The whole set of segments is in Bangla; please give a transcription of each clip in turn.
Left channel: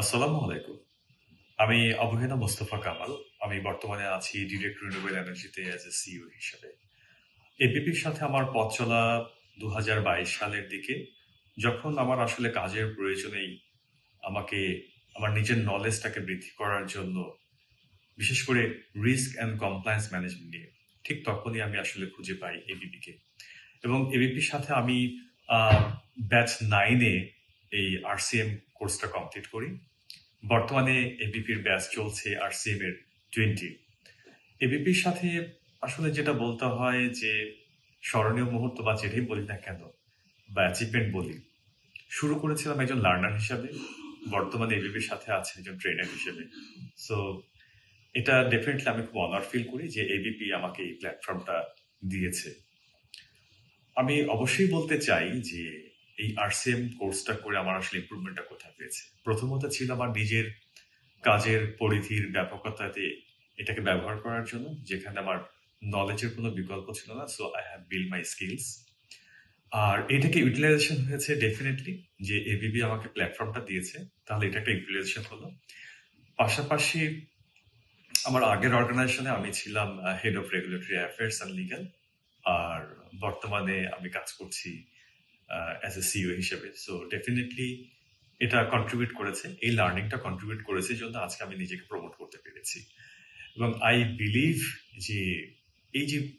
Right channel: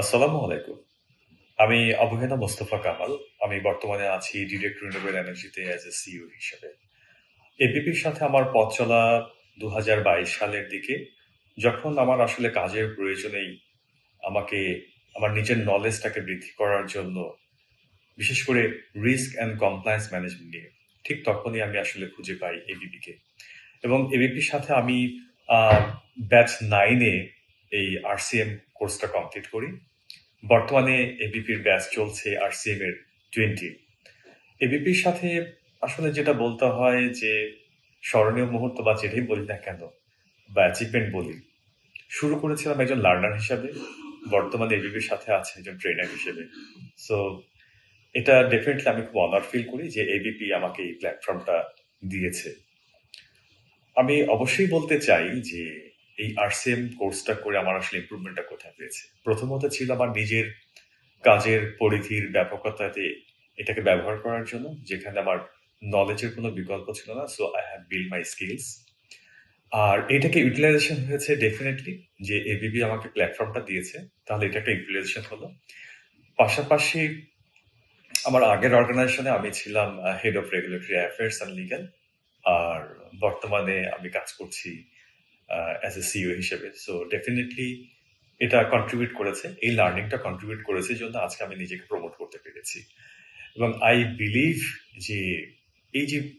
আসসালামু আলাইকুম। আমি অবহেনা মোস্তফা কামাল। আমি বর্তমানে আছি ডিরেক্ট রিনিউয়েবল এনার্জিতে অ্যাজ এ সিইও হিসেবে। এবিপির সাথে আমার পথ চলা ২০২২ সালের দিকে। যখন আমার আসলে কাজের প্রয়োজনেই আমাকে, আমার নিজের নলেজটাকে বৃদ্ধি করার জন্য, বিশেষ করে রিস্ক অ্যান্ড কমপ্লায়েন্স ম্যানেজমেন্ট নিয়ে, ঠিক তখনই আমি আসলে খুঁজে পাই এবিপিকে। এবং এবিপির সাথে আমি ব্যাচ 9 এ এই আরসিএম কোর্সটা কমপ্লিট করি। বর্তমানে এবিপির ব্যাচ চলছে আরসিএম এর 20 এবিপির সাথে আসলে যেটা বলতে হয় যে, স্মরণীয় মুহূর্ত বা যেটাই বলি না কেন, বা অ্যাচিভমেন্ট বলি। শুরু করেছিলাম একজন লার্নার হিসাবে। বর্তমানে এবিপির সাথে আছি একজন ট্রেনার হিসেবে। সো এটা ডেফিনিটলি আমি খুব অনার ফিল করি যে এবিপি আমাকে এই প্ল্যাটফর্মটা দিয়েছে। আমি অবশ্যই বলতে চাই যে এই আরসিএম কোর্সটা করে আমার আসলে ইমপ্রুভমেন্টটা কোথায় পেয়েছে। প্রথমত ছিল আমার নিজের কাজের পরিধির ব্যাপকতাতে এটাকে ব্যবহার করার জন্য, যেখানে আমার নলেজের কোনো বিকল্প ছিল না। So I have build my skills. আর এটাকে ইউটিলাইজেশন হয়েছে ডেফিনেটলি যে এবিপি আমাকে প্ল্যাটফর্মটা দিয়েছে। তাহলে এটা একটা ইউটিলাইজেশন হলো। পাশাপাশি আমার আগের অর্গানাইজেশনে আমি ছিলাম head of regulatory affairs and legal. আর বর্তমানে আমি কাজ করছি অ্যাজ এ সিইও হিসেবে। সো ডেফিনিটলি এটা কন্ট্রিবিউট করেছে। এই লার্নিংটা কন্ট্রিবিউট করেছে জন্য আজকে আমি নিজেকে প্রমোট করতে পেরেছি। এবং আই বিলিভ যে এই যে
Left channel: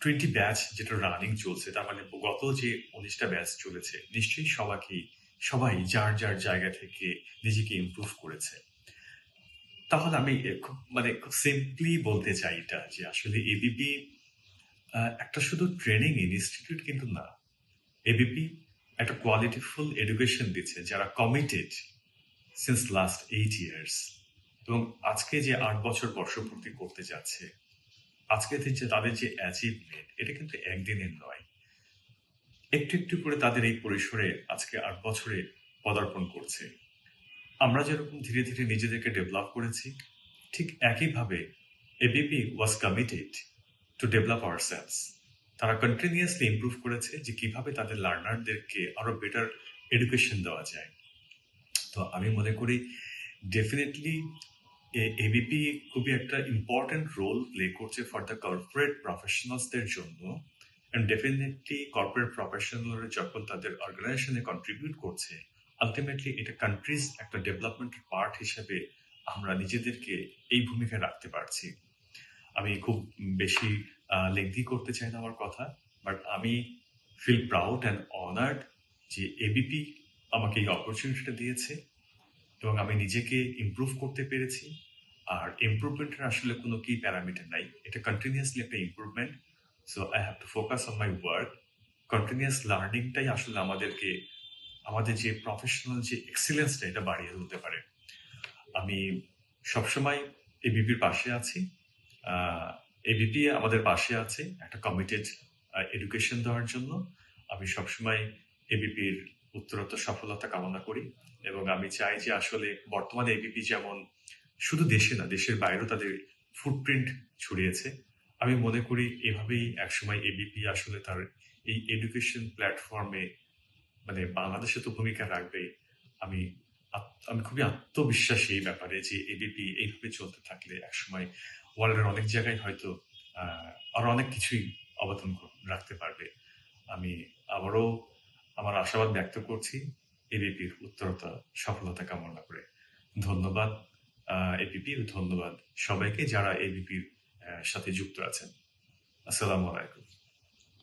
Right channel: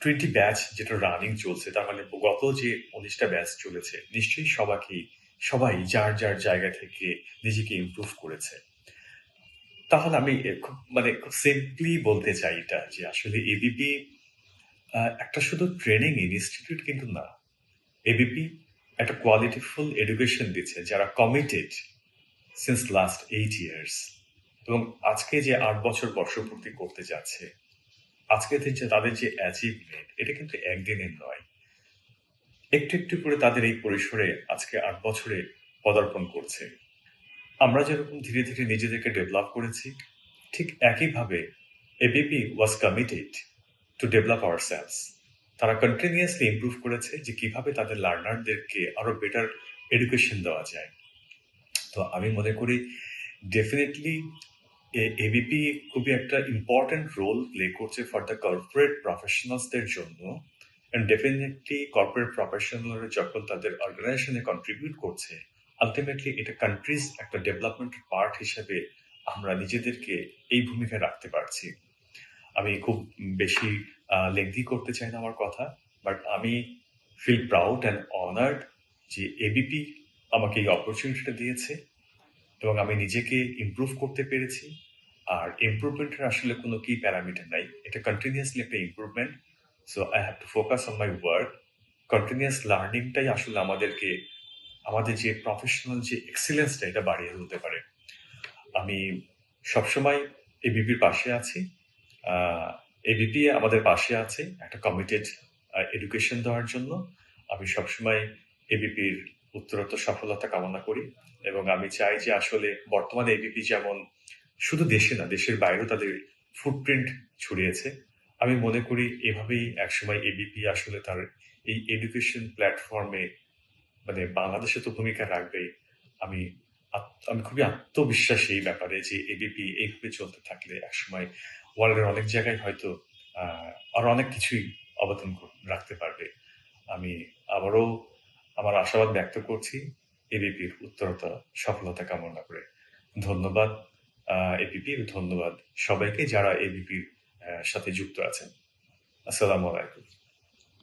20 ব্যাচ যেটা রানিং চলছে তার মানে গত যে ১৯ টা ব্যাচ চলেছে নিশ্চয়ই সবাইকেই সবাই যার, যার জায়গা থেকে নিজেকে ইমপ্রুভ করেছে। তাহলে আমি খুব মানে খুব সিম্পলি বলতে চাই এটা যে আসলে এবিপি একটা শুধু ট্রেনিং ইনস্টিটিউট কিন্তু না। এবিপি একটা কোয়ালিটিফুল এডুকেশন দিচ্ছে যারা committed since last eight years এবং আজকে যে আট বছর বর্ষপূর্তি করতে যাচ্ছে, আজকে যে তাদের যে অ্যাচিভমেন্ট এটা কিন্তু একদিনের নয়। একটু, একটু করে তাদের এই পরিসরে আজকে আট বছরে পদার্পণ করছে। আমরা যেরকম ধীরে, ধীরে নিজেদেরকে ডেভেলপ করেছি, ঠিক একইভাবে ABP was committed to develop ourselves. তারা কন্টিনিউয়াসলি ইমপ্রুভ করেছে যে কীভাবে তাদের লার্নারদেরকে আরও বেটার এডুকেশন দেওয়া যায়। তো আমি মনে করি ডেফিনেটলি এবিপি খুবই একটা ইম্পোর্টেন্ট রোল প্লে করছে ফর দ্য কর্পোরেট প্রফেশনালস দের জন্য। অ্যান্ড ডেফিনিটলি কর্পোরেট প্রফেশনালরা যখন তাদের অর্গানাইজেশনে কন্ট্রিবিউট করছে, আল্টিমেটলি এটা কান্ট্রিজ একটা ডেভেলপমেন্টের পার্ট হিসেবে আমরা নিজেদেরকে এই ভূমিকায় রাখতে পারছি। আমি খুব বেশি লেংথি করতে চাই না আমার কথা। বাট আমি ফিল প্রাউড অ্যান্ড অনার্ড যে এবিপি আমাকে এই অপরচুনিটিটা দিয়েছে এবং আমি নিজেকে ইমপ্রুভ করতে পেরেছি। আর ইমপ্রুভমেন্ট এর আসলে কোনো কি প্যারামিটার নাই। এটা কন্টিনিউয়াসলি একটা improvement. So I have to focus on my work. Continuous লার্নিংটাই আসলে আমাদেরকে, আমাদের যে প্রফেশনাল যে এক্সেলেন্স টা এটা বাড়িয়ে তুলতে পারে। আমি সবসময় এবিপির পাশে আছি। এবিপি আমাদের পাশে আছে একটা কমিটেড এডুকেশন দেওয়ার জন্য। আমি সবসময় এবিপির উত্তরোত্তর সফলতা কামনা করি এবং আমি চাই যে আসলে বর্তমানে এবিপি যেমন শুধু দেশে না, দেশের বাইরেও তাদের ফুটপ্রিন্ট ছড়িয়েছে। আমি মনে করি এভাবেই একসময় এবিপি আসলে তার এই এডুকেশন প্ল্যাটফর্মে মানে বাংলাদেশে তো ভূমিকা রাখবেই। আমি আমি খুবই আত্মবিশ্বাসী এই ব্যাপারে যে এবিপি এইভাবে চলতে থাকলে একসময় ওয়ার্ল্ডের অনেক জায়গায় হয়তো আর অনেক কিছুই অবদান রাখতে পারবে। আমি আবারও আমার আশাবাদ ব্যক্ত করছি এবিপির উত্তরতা, সফলতা কামনা করে। ধন্যবাদ এবিপির এবিপি ধন্যবাদ সবাইকে যারা এবিপির সাথে যুক্ত আছেন। আসসালামু আলাইকুম।